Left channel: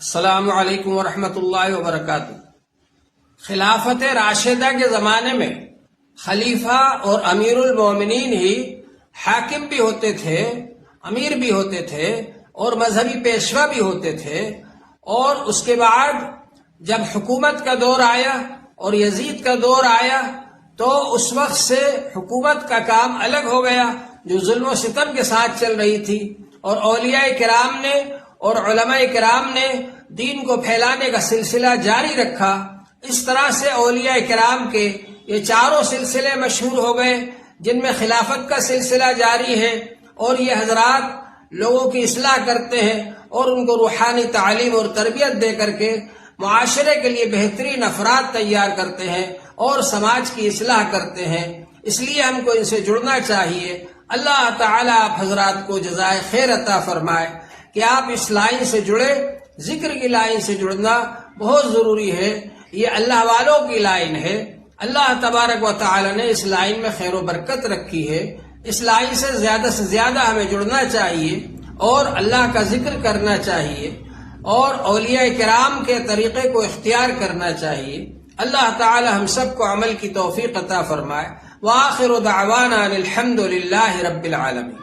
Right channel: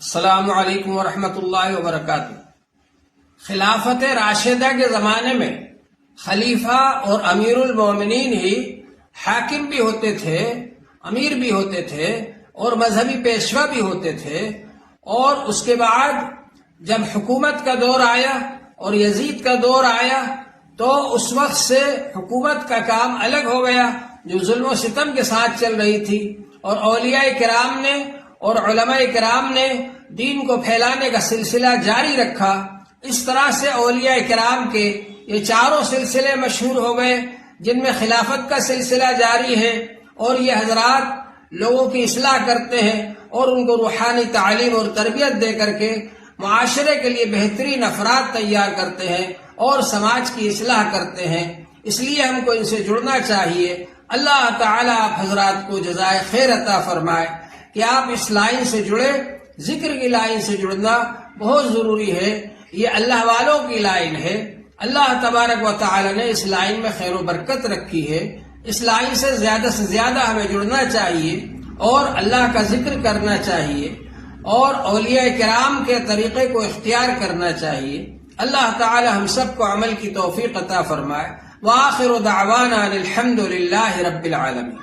السلام علیکم ورحمۃ اللہ وبرکاتہ۔ خلافت راشدہ کے زمانے میں خلیفہ اور امیر المومنین ہی حاکم بھی ہوتے تھے، امیر بھی ہوتے تھے اور مذہبی پیشوا بھی ہوتے تھے، اور اس کے بعد جب حکومت کا دور آیا اور یزید کا دور آیا تو اس وقت سے حکومت کا کام الگ ہو گیا جو ظلم و ستم کے ساتھ چل رہی تھی، اور اولیاء کرام نے اور علماء کرام نے دین کو پھیلانے کا سلسلہ جاری رکھا۔ اس طرح سے اولیاء کرام کے یہ چاروں سلسلے مشہور ہو گئے جن میں خلافت کا سلسلہ جاری ہے، اور یہ حضرات لوگوں کی اصلاح کرتے ہیں اور ان کو روحانی تعلیم اور تربیت دے کر کے معاشرے کے لیے بہترین افراد تیار کرتے ہیں اور سماج کی اصلاح کرتے ہیں۔ اس لیے ہم کو ان سے جڑنا چاہیے۔ اللہ تعالیٰ آپ حضرات کو جزائے خیر عطا فرمائے کہ آپ اس لائن سے جڑے۔ ذکر کی لائن سے جڑنا بہت ضروری ہے، یہ اللہ والوں کی لائن ہے۔ اللہ تبارک و تعالی نے اس لائن میں خیر و برکت رکھی ہے۔ اس لائن سے زیادہ ہمیں جڑنا چاہیے اور اللہ کا ذکر کرنا چاہیے اور اولیاء کرام کے طریقے کو اختیار کرنا چاہیے۔ اللہ تعالی ہم سب کو عمل کی توفیق عطا فرمائے۔ وآخر دعوانا الحمد للہ رب العالمین۔